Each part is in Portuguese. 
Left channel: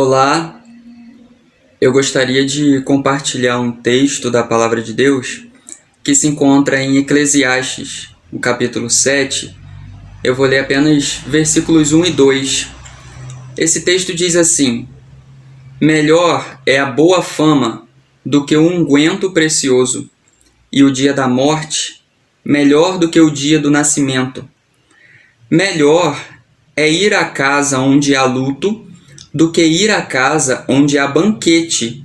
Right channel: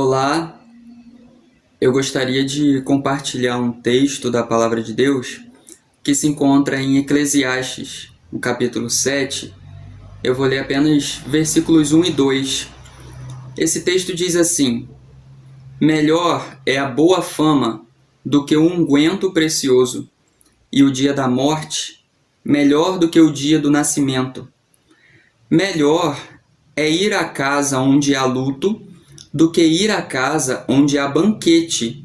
Olá, eu gostaria de compartilhar um texto da Palavra de Deus que se encontra em Eclesiastes, no capítulo 7. Eu vou ler apenas versículos 1 e 2. Esse texto diz assim: Melhor é a boa fama do que o unguento precioso, e o dia da morte melhor do que o dia do nascimento. Melhor é ir à casa onde há luto do que ir à casa onde há banquete,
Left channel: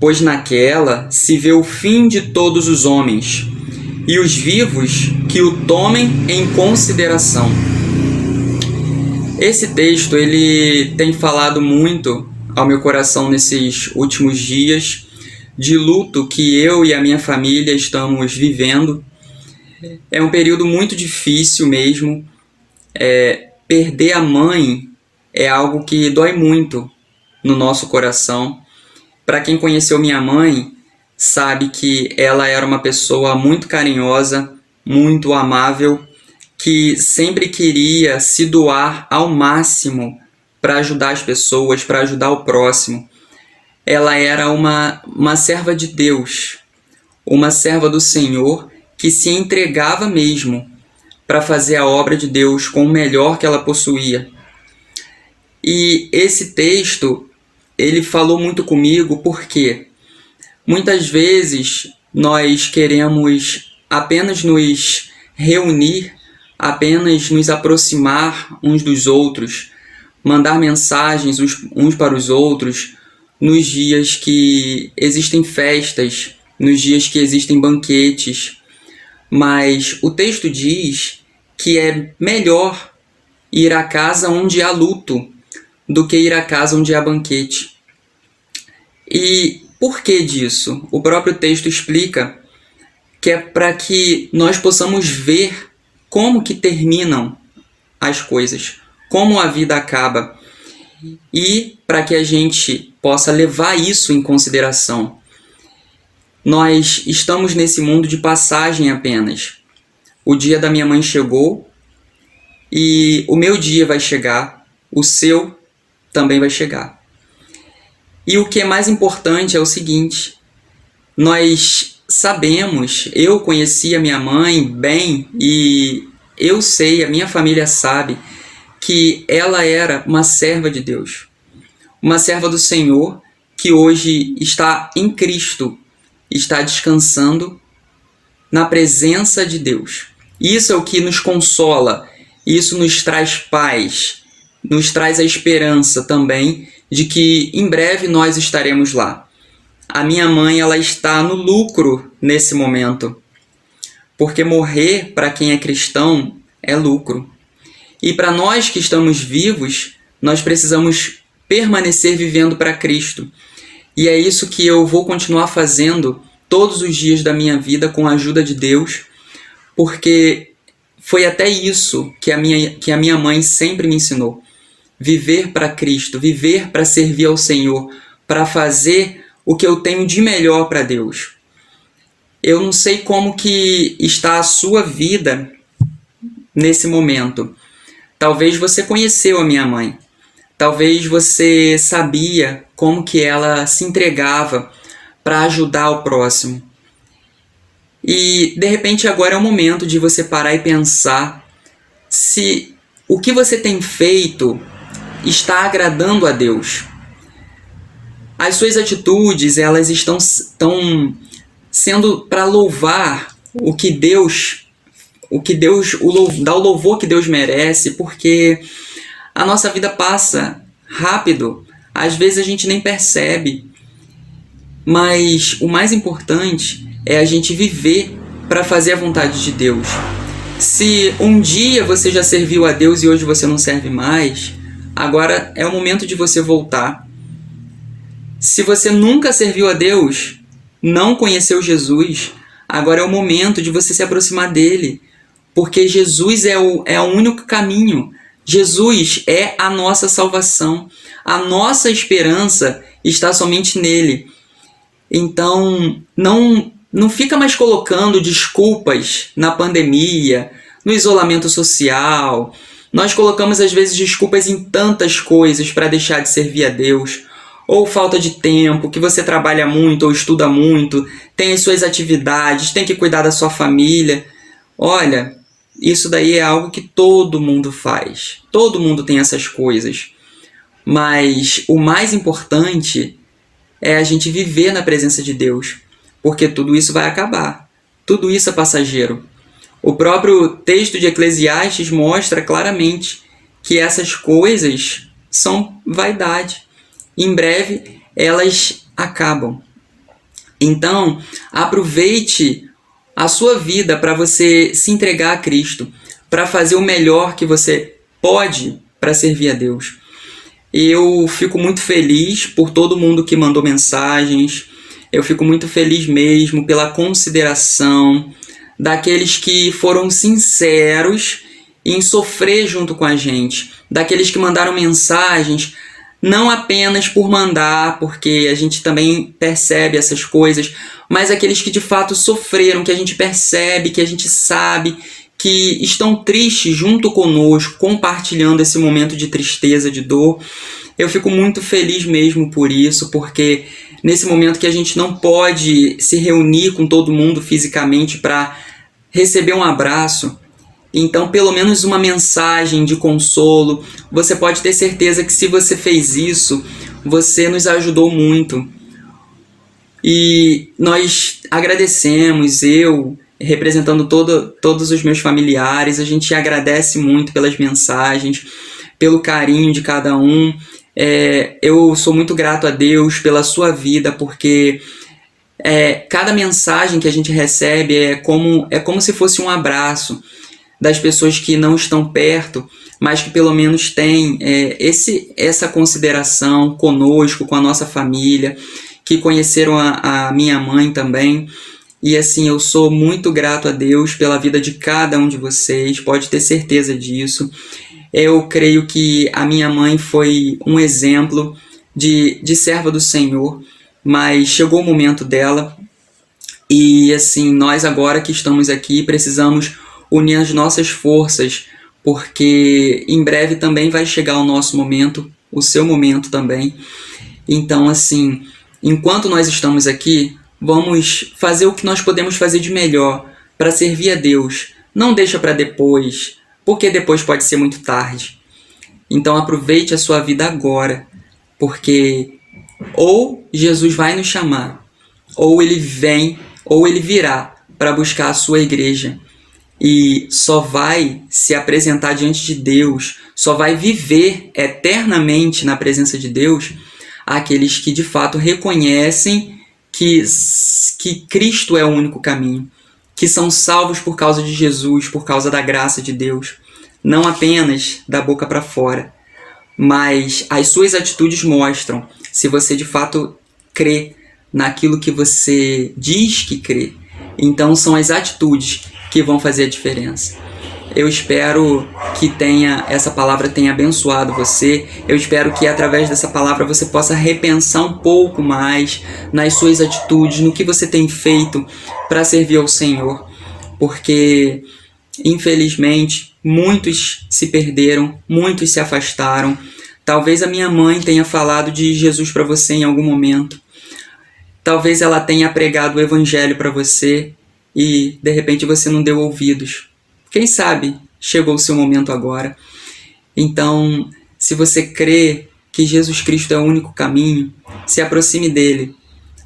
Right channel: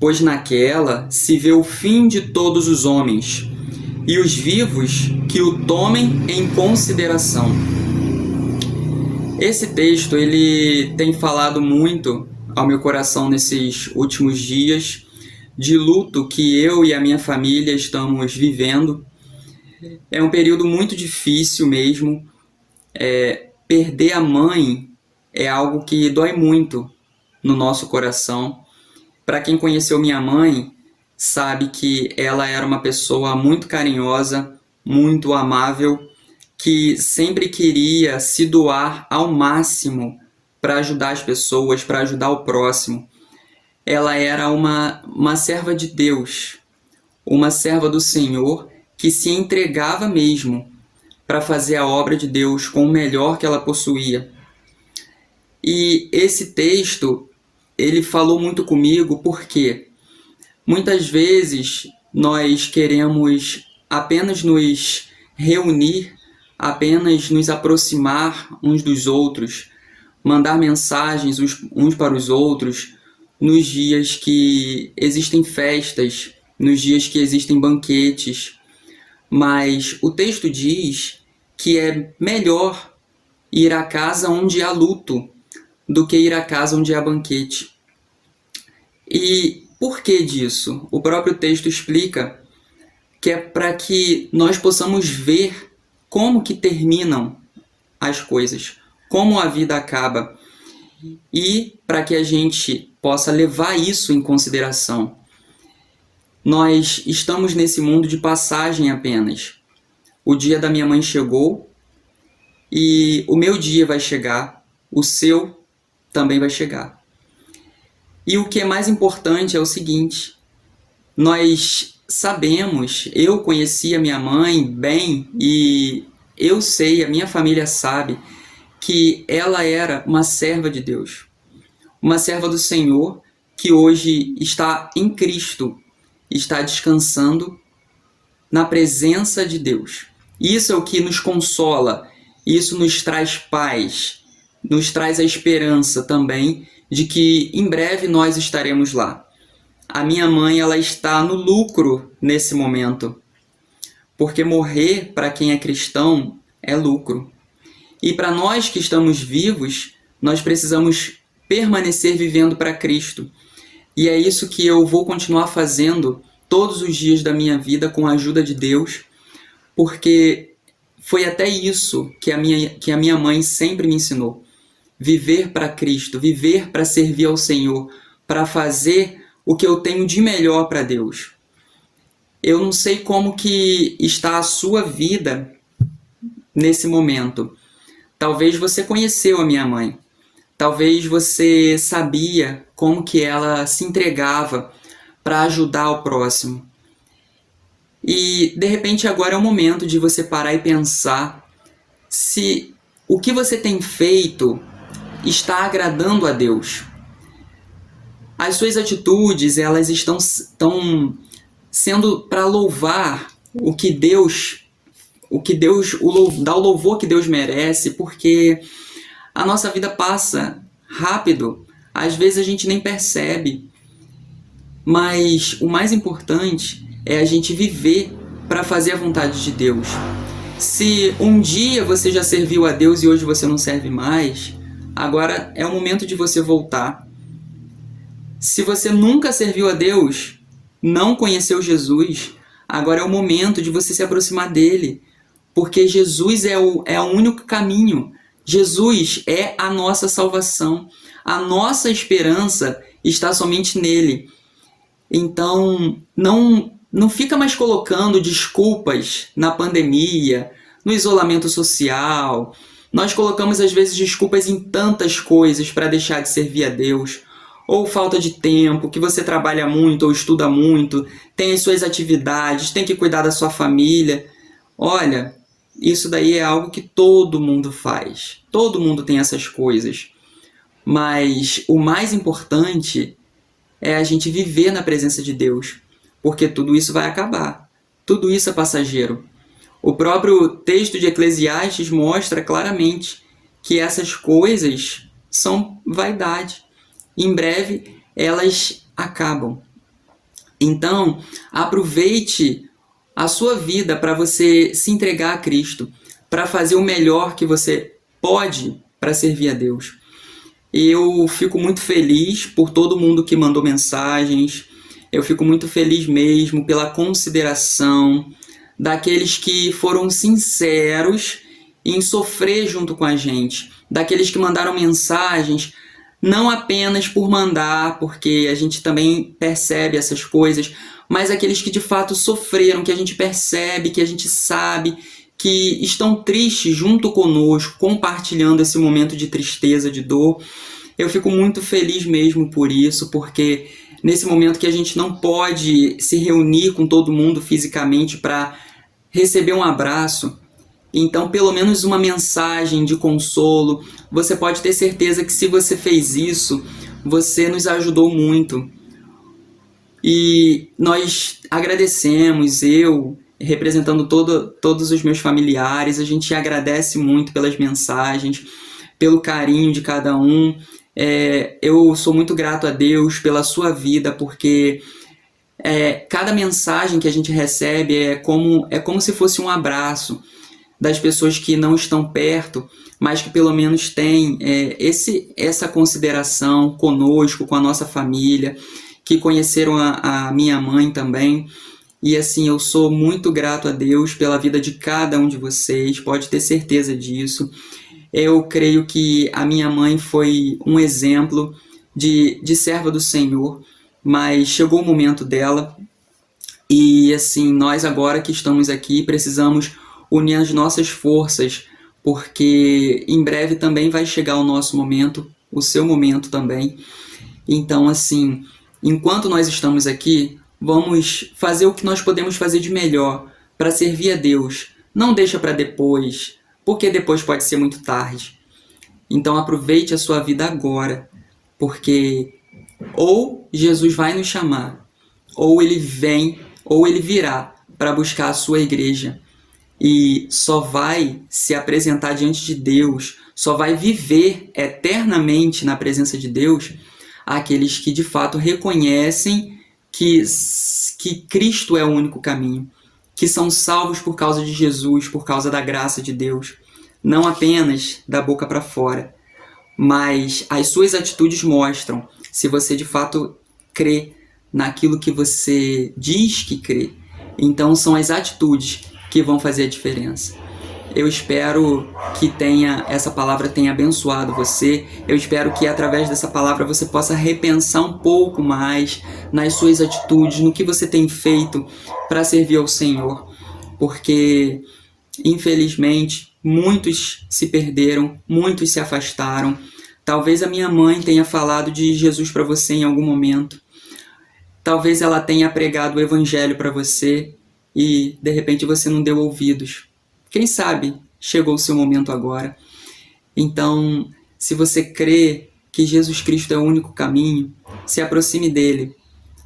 pois naquela se vê o fim de todos os homens, e os vivos que o tomem em consideração. Esse texto ele tem falado muito ao meu coração nesses últimos dias de luto que eu e a minha família estamos vivendo. É um período muito difícil mesmo. Perder a mãe é algo que dói muito no nosso coração. Para quem conheceu minha mãe, sabe que ela era uma pessoa muito carinhosa, muito amável, que sempre queria se doar ao máximo para ajudar as pessoas, para ajudar o próximo. Ela era uma serva de Deus, uma serva do Senhor que se entregava mesmo para fazer a obra de Deus com o melhor que ela possuía. E esse texto, ele falou muito comigo porque muitas vezes nós queremos apenas nos reunir, apenas nos aproximar uns dos outros, mandar mensagens uns para os outros nos dias que existem festas, nos dias que existem banquetes. Mas o texto diz que é melhor ir à casa onde há luto do que ir à casa onde há banquete. E por que disso? O próprio texto explica que é para que nós possamos ver como que terminam as coisas, como a vida acaba, e para que a gente possa levar isso em consideração. Nós estamos nesse mundo de passagem apenas. O dia da minha mãe chegou e o meu dia vai chegar, o seu também vai chegar. E o que é mais importante é o seguinte: nós sabemos, eu conheci a minha mãe bem e eu sei, a minha família sabe, que ela era uma serva de Deus, uma serva do Senhor que hoje está em Cristo, está descansando na presença de Deus. Isso é o que nos consola, isso nos traz paz, nos traz a esperança também de que em breve nós estaremos lá. A minha mãe, ela está no lucro nesse momento, porque morrer para quem é cristão é lucro. E para nós que estamos vivos, nós precisamos permanecer vivendo para Cristo. E é isso que eu vou continuar fazendo todos os dias da minha vida com a ajuda de Deus, porque foi até isso que a minha mãe sempre me ensinou. Viver para Cristo, viver para servir ao Senhor, para fazer o que eu tenho de melhor para Deus. Eu não sei como que está a sua vida nesse momento. Talvez você conheceu a minha mãe. Talvez você sabia como que ela se entregava para ajudar o próximo. E, de repente, agora é o momento de você parar e pensar se o que você tem feito está agradando a Deus. As suas atitudes, elas estão sendo para louvar dá o louvor que Deus merece, porque a nossa vida passa rápido, às vezes a gente nem percebe, mas o mais importante é a gente viver para fazer a vontade de Deus. Se um dia você já serviu a Deus e hoje você não serve mais, agora é o momento de você voltar. Se você nunca serviu a Deus, não conheceu Jesus, agora é o momento de você se aproximar dele, porque Jesus é o único caminho. Jesus é a nossa salvação. A nossa esperança está somente nele. Então, não fica mais colocando desculpas na pandemia, no isolamento social, Nós colocamos às vezes desculpas em tantas coisas para deixar de servir a Deus, ou falta de tempo, que você trabalha muito ou estuda muito, tem as suas atividades, tem que cuidar da sua família. Olha, isso daí é algo que todo mundo faz. Todo mundo tem essas coisas. Mas o mais importante é a gente viver na presença de Deus, porque tudo isso vai acabar. Tudo isso é passageiro. O próprio texto de Eclesiastes mostra claramente que essas coisas são vaidade. Em breve, elas acabam. Então, aproveite a sua vida para você se entregar a Cristo, para fazer o melhor que você pode para servir a Deus. Eu fico muito feliz por todo mundo que mandou mensagens, eu fico muito feliz mesmo pela consideração daqueles que foram sinceros em sofrer junto com a gente, daqueles que mandaram mensagens não apenas por mandar, porque a gente também percebe essas coisas, mas aqueles que de fato sofreram, que a gente percebe, que a gente sabe, que estão tristes junto conosco, compartilhando esse momento de tristeza, de dor. Eu fico muito feliz mesmo por isso, porque nesse momento que a gente não pode se reunir com todo mundo fisicamente para receber um abraço, então pelo menos uma mensagem de consolo, você pode ter certeza que se você fez isso, você nos ajudou muito. E nós agradecemos, eu representando todos os meus familiares, a gente agradece muito pelas mensagens, pelo carinho de cada um. Eu sou muito grato a Deus pela sua vida, porque cada mensagem que a gente recebe é como se fosse um abraço das pessoas que não estão perto, mas que pelo menos têm essa consideração conosco, com a nossa família, que conheceram a minha mãe também. E assim, eu sou muito grato a Deus pela vida de cada um de vocês, pode ter certeza disso. Eu creio que a minha mãe foi um exemplo de serva do Senhor, mas chegou o momento dela e assim, nós agora que estamos aqui precisamos unir as nossas forças, porque em breve também vai chegar o nosso momento, o seu momento também. Então assim, enquanto nós estamos aqui, vamos fazer o que nós podemos fazer de melhor para servir a Deus. Não deixa para depois, porque depois pode ser muito tarde. Então aproveite a sua vida agora, porque ou Jesus vai nos chamar, ou ele vem, ou ele virá para buscar a sua igreja. E só vai se apresentar diante de Deus, só vai viver eternamente na presença de Deus aqueles que de fato reconhecem que Cristo é o único caminho, que são salvos por causa de Jesus, por causa da graça de Deus, não apenas da boca para fora, mas as suas atitudes mostram se você de fato crê naquilo que você diz que crê. Então são as atitudes que vão fazer a diferença. Eu espero que essa palavra tenha abençoado você. Eu espero que através dessa palavra você possa repensar um pouco mais nas suas atitudes, no que você tem feito para servir ao Senhor. Porque, infelizmente, muitos se perderam, muitos se afastaram. Talvez a minha mãe tenha falado de Jesus para você em algum momento. Talvez ela tenha pregado o evangelho para você e, de repente, você não deu ouvidos. Quem sabe chegou o seu momento agora. Então, se você crê que Jesus Cristo é o único caminho, se aproxime dele.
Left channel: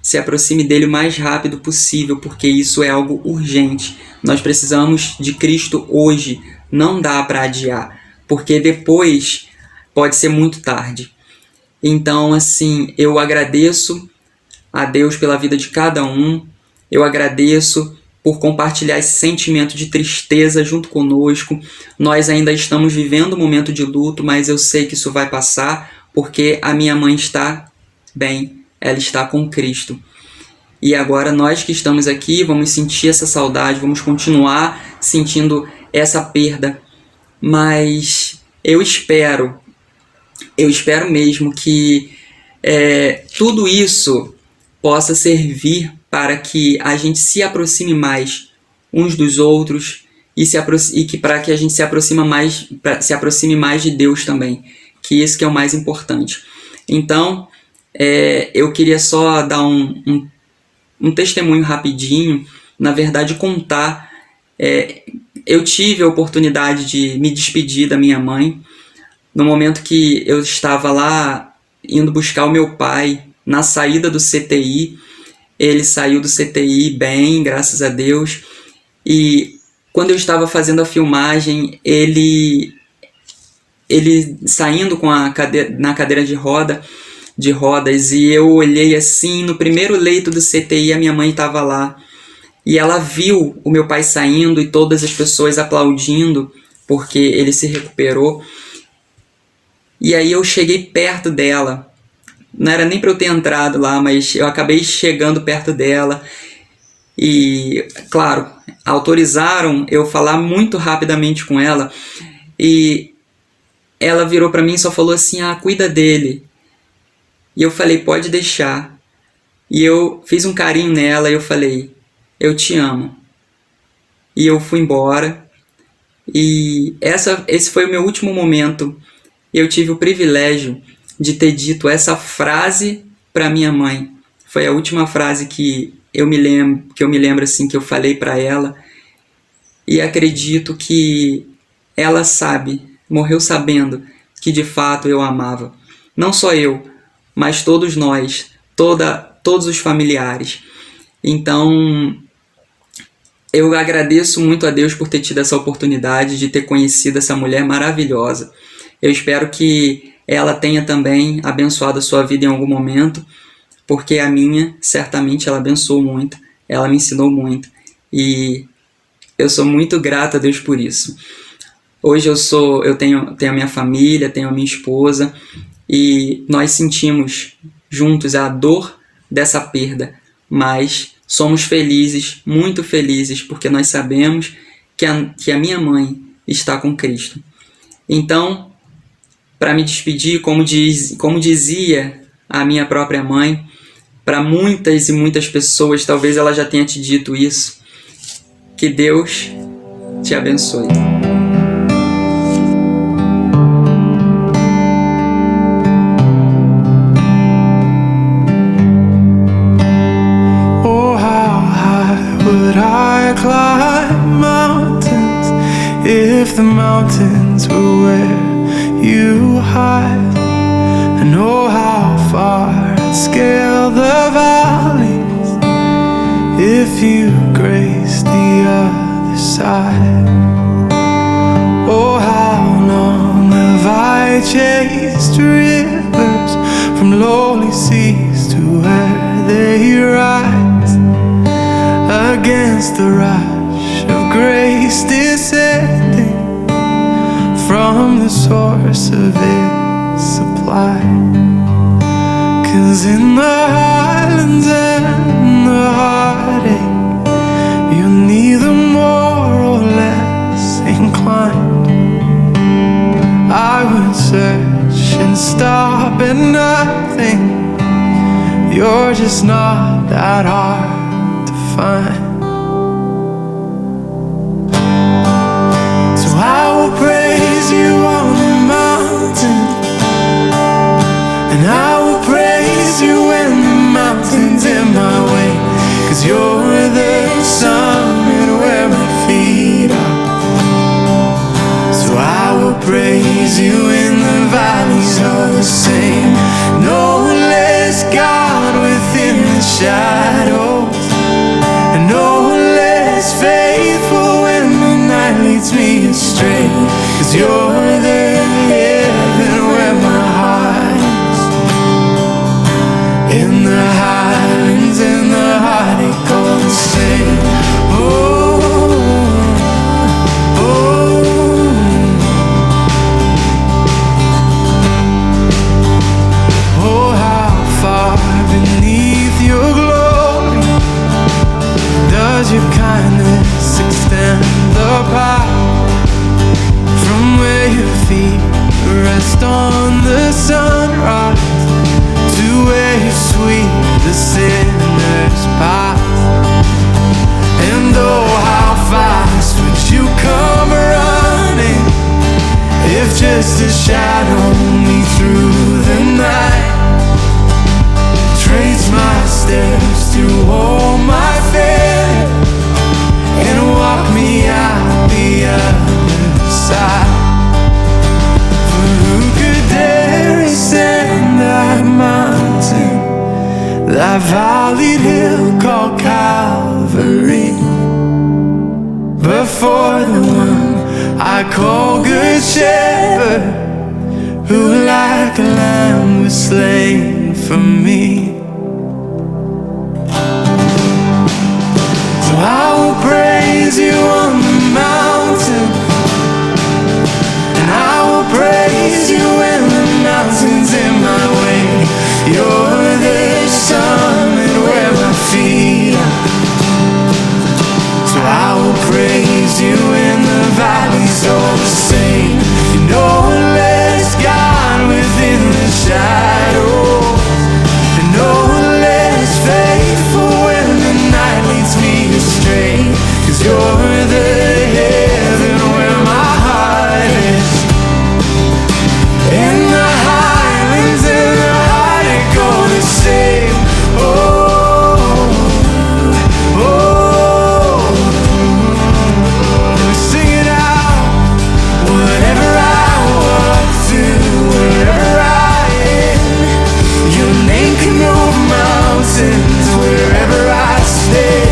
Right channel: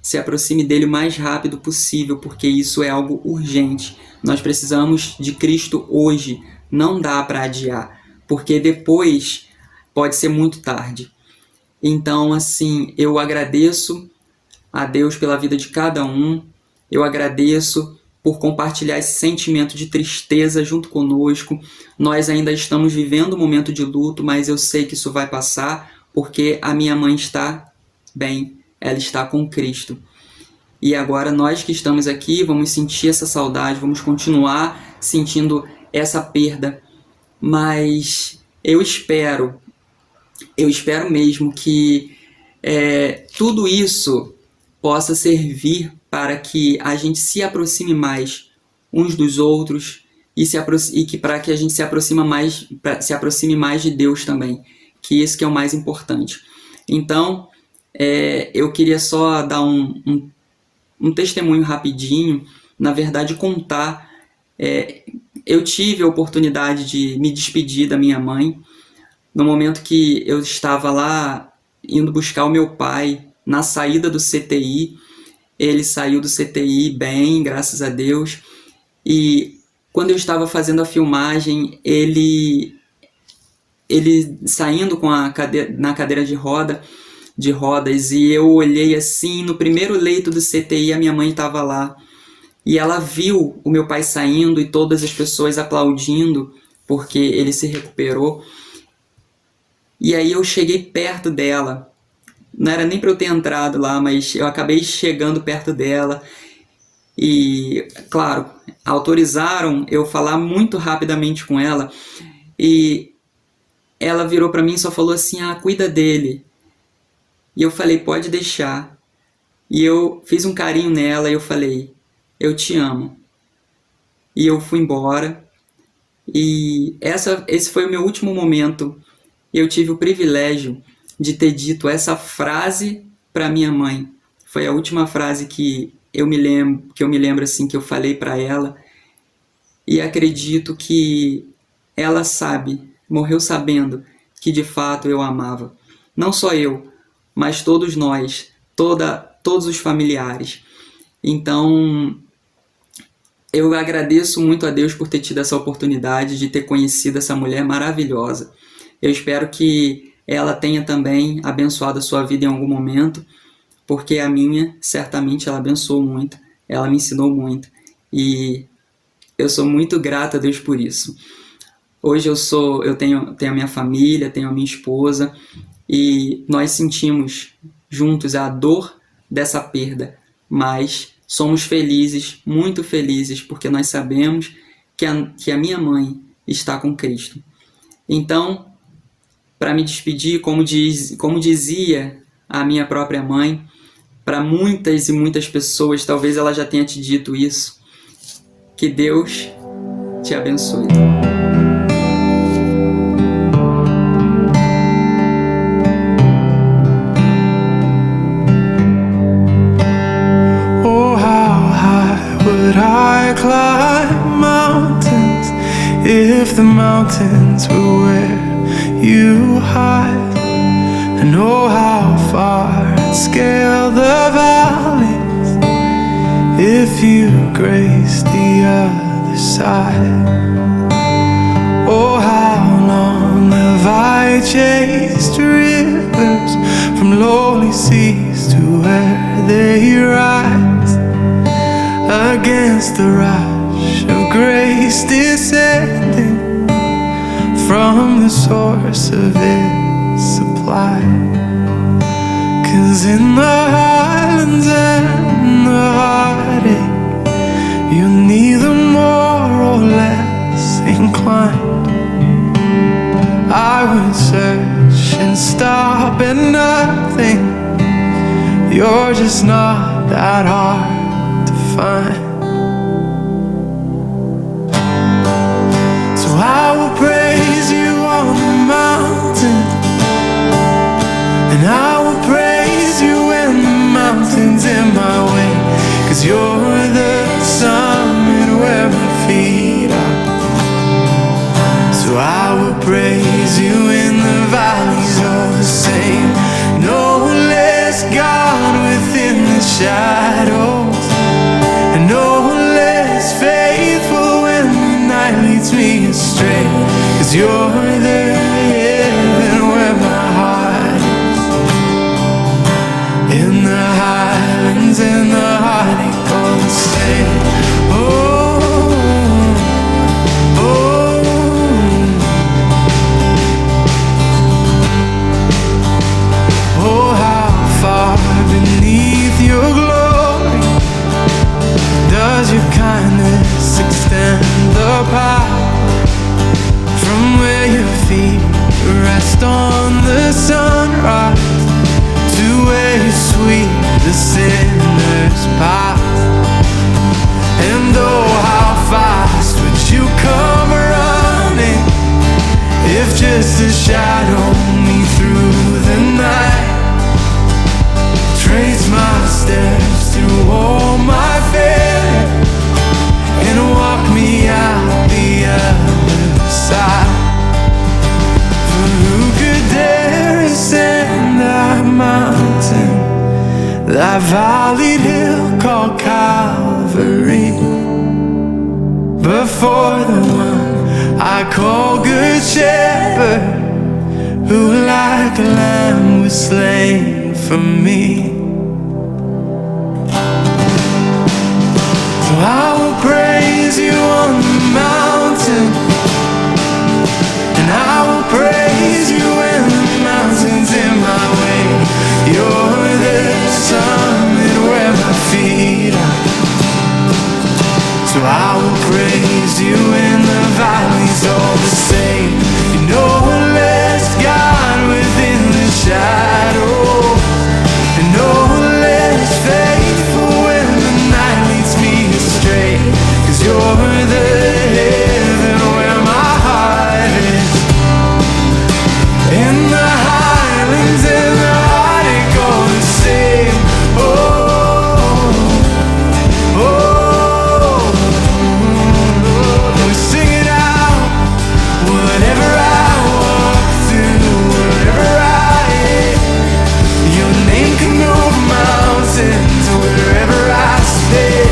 Se aproxime dele o mais rápido possível, porque isso é algo urgente. Nós precisamos de Cristo hoje. Não dá para adiar, porque depois pode ser muito tarde. Então, assim, eu agradeço a Deus pela vida de cada um. Eu agradeço por compartilhar esse sentimento de tristeza junto conosco. Nós ainda estamos vivendo um momento de luto, mas eu sei que isso vai passar, porque a minha mãe está bem, ela está com Cristo. E agora nós que estamos aqui vamos sentir essa saudade, vamos continuar sentindo essa perda, mas eu espero mesmo que tudo isso possa servir para que a gente se aproxime mais uns dos outros e que para que a gente se aproxime mais de Deus também, que isso que é o mais importante. Então, eu queria só dar um testemunho rapidinho, na verdade contar. Eu tive a oportunidade de me despedir da minha mãe no momento que eu estava lá indo buscar o meu pai na saída do CTI. Ele saiu do CTI bem, graças a Deus. E quando eu estava fazendo a filmagem, ele saindo na cadeira de rodas, e eu olhei assim, no primeiro leito do CTI, a minha mãe estava lá. E ela viu o meu pai saindo e todas as pessoas aplaudindo, porque ele se recuperou. E aí eu cheguei perto dela. Não era nem para eu ter entrado lá, mas eu acabei chegando perto dela. E, claro, autorizaram eu falar muito rapidamente com ela. E ela virou para mim e só falou assim: cuida dele. E eu falei: pode deixar. E eu fiz um carinho nela e eu falei: eu te amo. E eu fui embora. E esse foi o meu último momento. Eu tive o privilégio de ter dito essa frase para minha mãe. Foi a última frase que eu me lembro assim, que eu falei para ela. E acredito que ela morreu sabendo que de fato eu a amava. Não só eu, mas todos nós, todos os familiares. Então, eu agradeço muito a Deus por ter tido essa oportunidade de ter conhecido essa mulher maravilhosa. Eu espero que ela tenha também abençoado a sua vida em algum momento, porque a minha, certamente, ela abençoou muito, ela me ensinou muito, e eu sou muito grato a Deus por isso. Hoje eu tenho a minha família, tenho a minha esposa, e nós sentimos juntos a dor dessa perda, mas somos felizes, muito felizes, porque nós sabemos que a minha mãe está com Cristo. Então, para me despedir, como dizia a minha própria mãe, para muitas e muitas pessoas, talvez ela já tenha te dito isso, que Deus te abençoe. Oh, how high would I climb mountains if the mountains were where you hide? And oh, how far I'd scale the valleys if you graced the other side. Oh, how long have I chased rivers from lonely seas to where they rise against the rush of grace descending from the source of its supply. 'Cause in the highlands and the heartache, you're neither more or less inclined. I would search and stop at nothing. You're just not that hard to find. So I will praise you on the mountain, and I will praise you when the mountain's in my way. 'Cause you're the summit where my feet are. So I will praise you in the valleys all the same. No less God within the shadows, and no less faithful when the night leads me astray. 'Cause you're the heaven where my heart is. In the highlands and the heartache all the same. Oh, oh. Oh, how far beneath your glory does your kindness extend the power? From where your feet rest on the sunrise to where you sweep the sinner's path. And oh, how fast would you come just to shadow me through the night. Trace my steps through all my fear and walk me out the other side. For who could dare ascend that mountain, that valleyed hill called Calvary, but for the one I call Good Shepherd, who like a lamb was slain for me. So I will praise you on the mountain, and I will praise you when the mountain's in my way. You're the summit where my feet are. So I will praise you in the valleys all the same. You know less God within the shadows, and no less faithful when the night leads me astray. 'Cause you're the heaven where my heart is. In the highlands and the heartache all the same. Wherever I stay,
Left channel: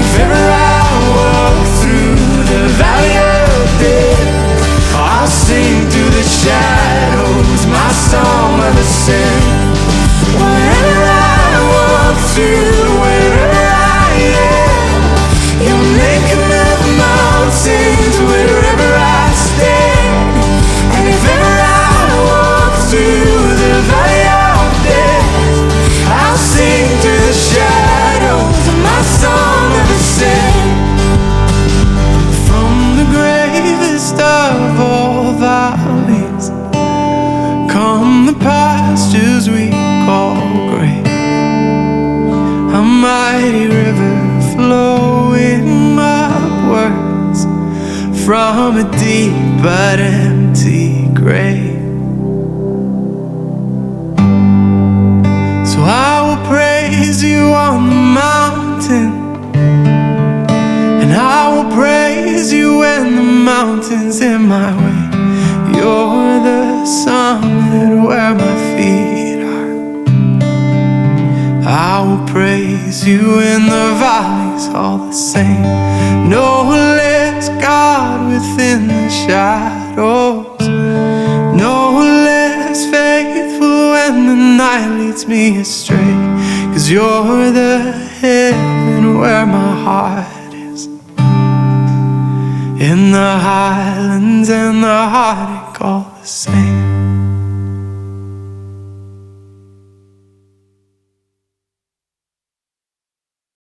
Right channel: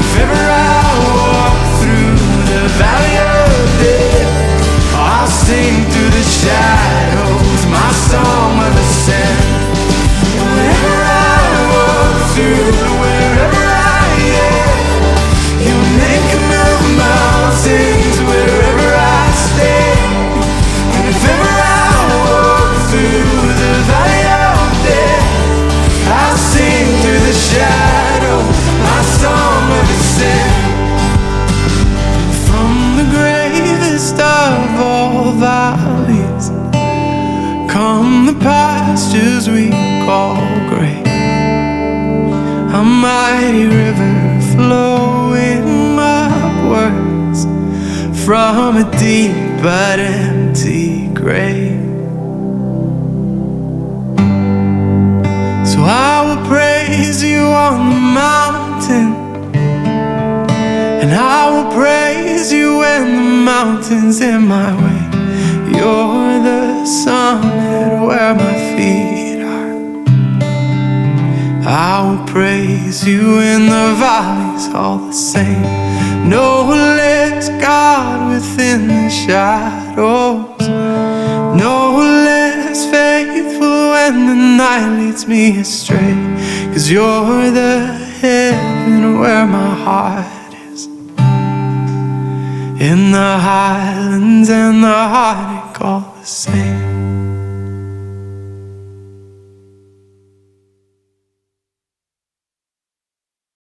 if ever I walk through the valley of death, I'll sing through the shadows my song of ascent. Wherever I walk through, wherever I am, your name can move mountains. Wherever I stay, and if ever I walk through the valley of death, I'll sing through the shadows my song of ascent. From the gravest of all valleys come the pastures we call great. A mighty river flowing upwards from a deep but empty grave. So I will praise you on the mountain, and I will praise you when the mountain's in my way. You're the summit where my feet are. I will praise you in the valleys all the same. No less God within the shadows, no less faithful when the night leads me astray. 'Cause you're the heaven where my heart is. In the highlands and the heartache all the same.